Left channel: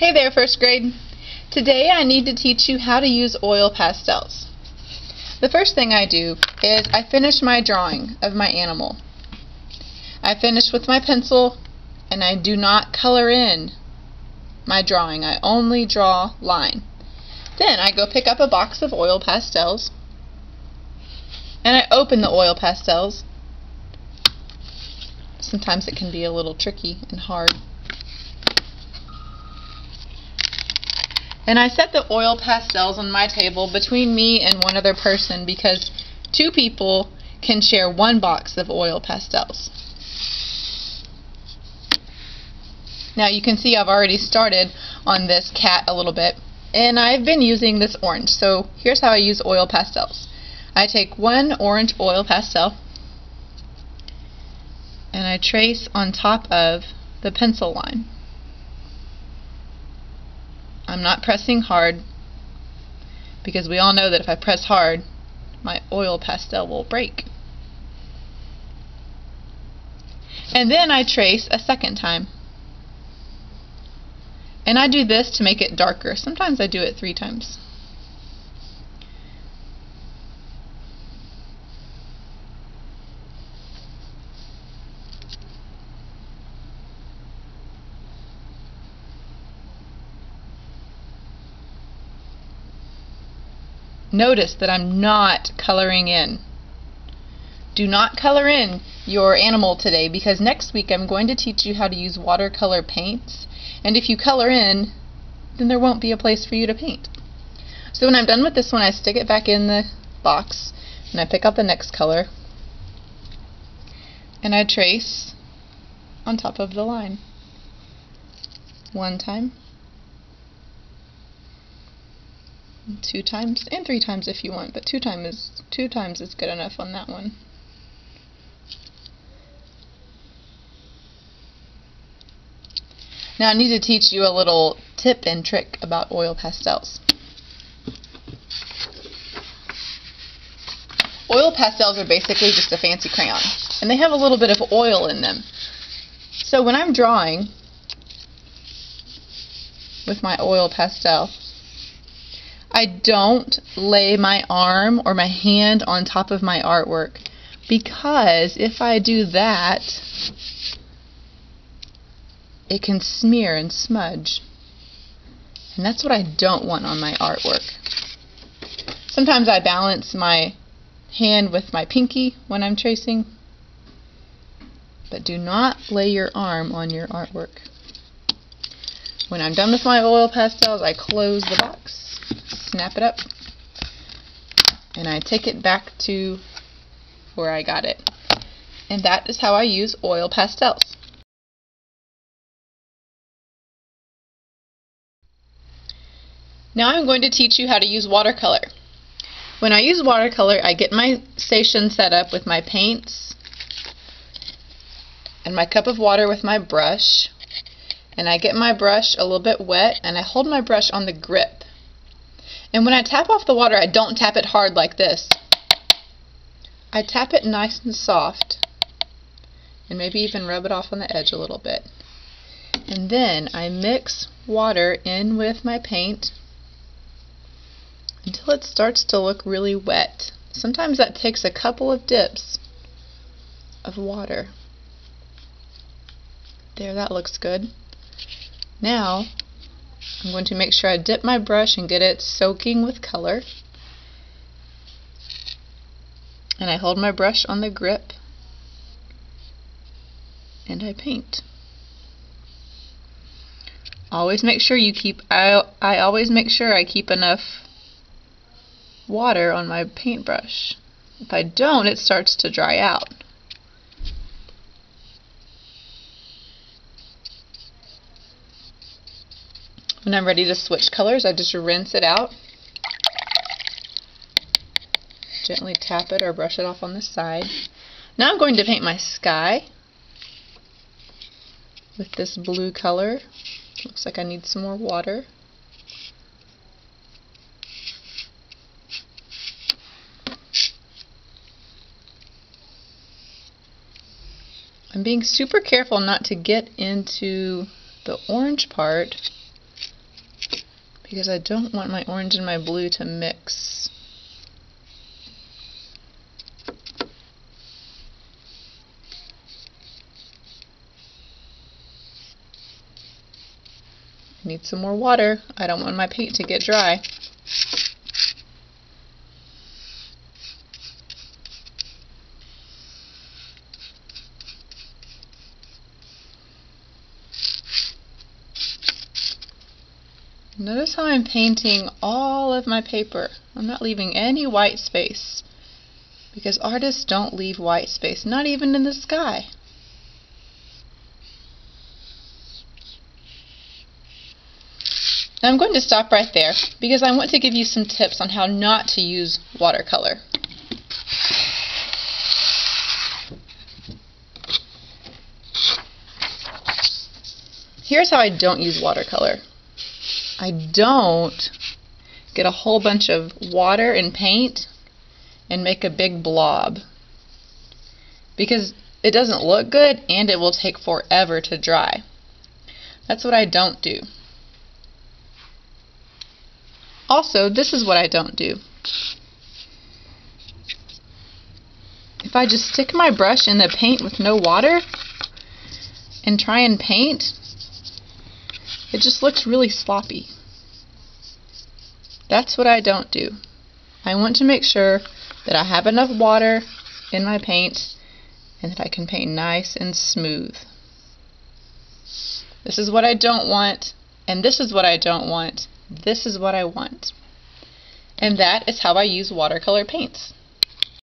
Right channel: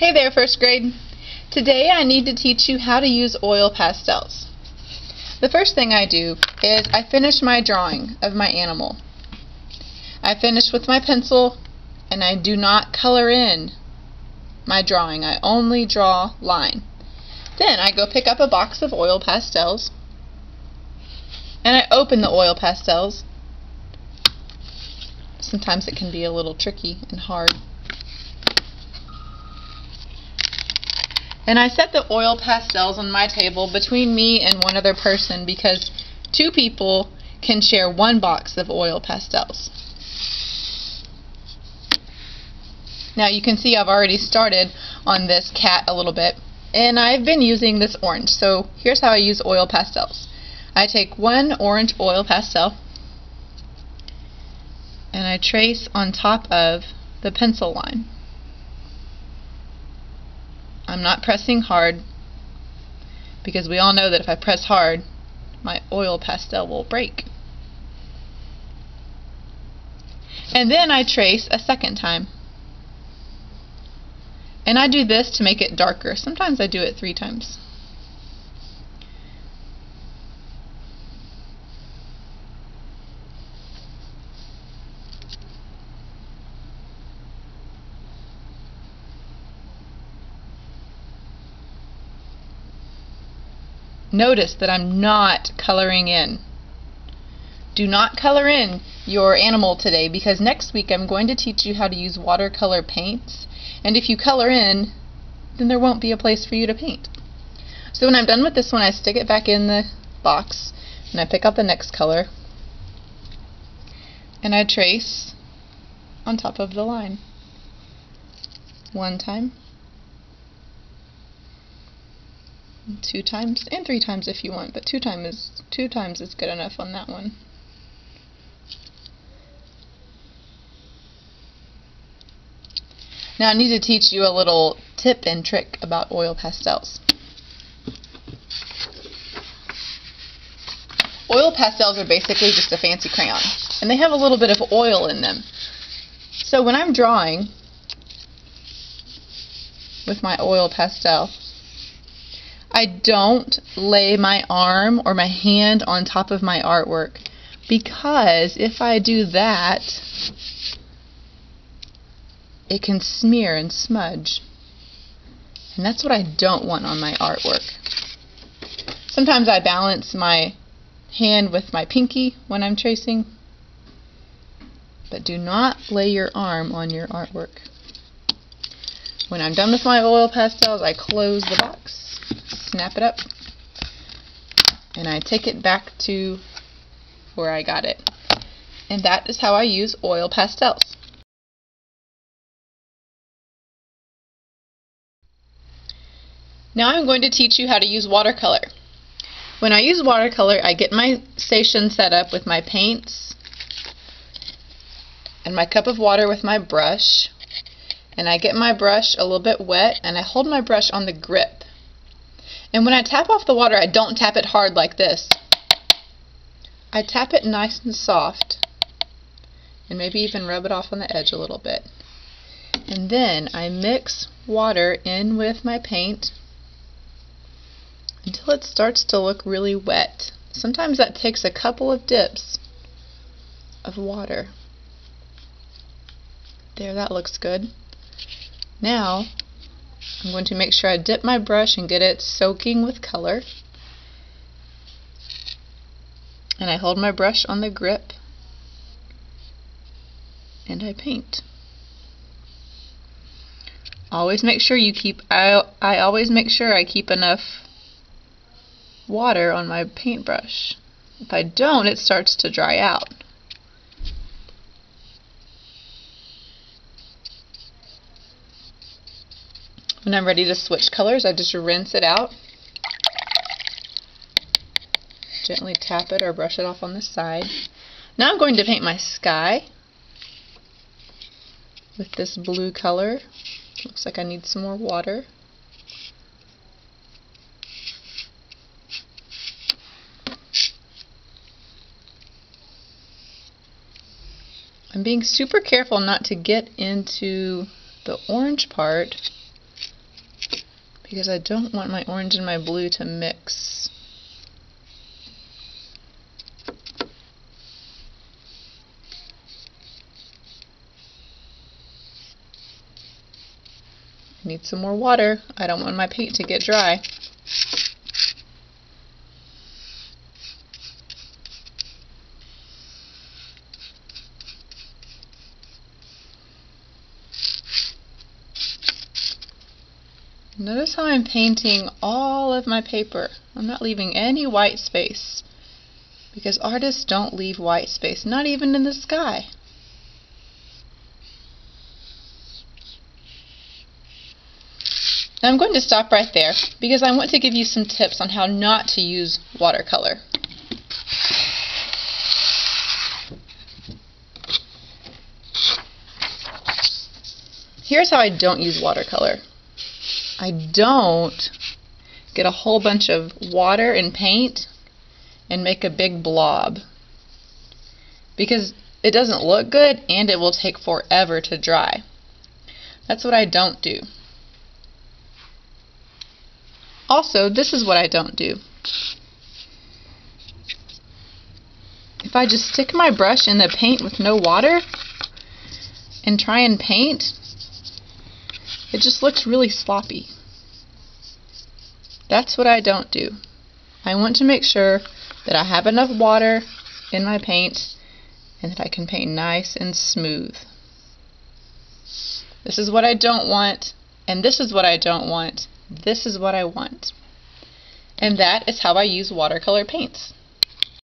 Hey there, first grade. Today I need to teach you how to use oil pastels. The first thing I do is I finish my drawing of my animal. I finish with my pencil and I do not color in my drawing. I only draw line. Then I go pick up a box of oil pastels and I open the oil pastels. Sometimes it can be a little tricky and hard. And I set the oil pastels on my table between me and one other person because two people can share one box of oil pastels. Now you can see I've already started on this cat a little bit, and I've been using this orange. So here's how I use oil pastels. I take one orange oil pastel and I trace on top of the pencil line. I'm not pressing hard because we all know that if I press hard, my oil pastel will break. And then I trace a second time. And I do this to make it darker. Sometimes I do it 3 times. Notice that I'm not coloring in. Do not color in your animal today because next week I'm going to teach you how to use watercolor paints, and if you color in, then there won't be a place for you to paint. So when I'm done with this one, I stick it back in the box and I pick up the next color and I trace on top of the line. 1 time, 2 times, and 3 times if you want, but 2 times is good enough on that one. Now I need to teach you a little tip and trick about oil pastels. Oil pastels are basically just a fancy crayon, and they have a little bit of oil in them. So when I'm drawing with my oil pastel, I don't lay my arm or my hand on top of my artwork, because if I do that, it can smear and smudge. And that's what I don't want on my artwork. Sometimes I balance my hand with my pinky when I'm tracing, but do not lay your arm on your artwork. When I'm done with my oil pastels, I close the box, snap it up, and I take it back to where I got it. And that is how I use oil pastels. Now I'm going to teach you how to use watercolor. When I use watercolor, I get my station set up with my paints and my cup of water with my brush, and I get my brush a little bit wet and I hold my brush on the grip. And when I tap off the water, I don't tap it hard like this. I tap it nice and soft and maybe even rub it off on the edge a little bit. And then I mix water in with my paint until it starts to look really wet. Sometimes that takes a couple of dips of water. There, that looks good. Now I'm going to make sure I dip my brush and get it soaking with color. And I hold my brush on the grip and I paint. Always make sure you keep, I always make sure I keep enough water on my paintbrush. If I don't, it starts to dry out. When I'm ready to switch colors, I just rinse it out. Gently tap it or brush it off on the side. Now I'm going to paint my sky with this blue color. Looks like I need some more water. I'm being super careful not to get into the orange part because I don't want my orange and my blue to mix. I need some more water. I don't want my paint to get dry. Notice how I'm painting all of my paper. I'm not leaving any white space, because artists don't leave white space, not even in the sky. Now I'm going to stop right there because I want to give you some tips on how not to use watercolor. Here's how I don't use watercolor. I don't get a whole bunch of water and paint and make a big blob, because it doesn't look good and it will take forever to dry. That's what I don't do. Also, this is what I don't do. If I just stick my brush in the paint with no water and try and paint, it just looks really sloppy. That's what I don't do. I want to make sure that I have enough water in my paint and that I can paint nice and smooth. This is what I don't want, and this is what I don't want. This is what I want. And that is how I use watercolor paints.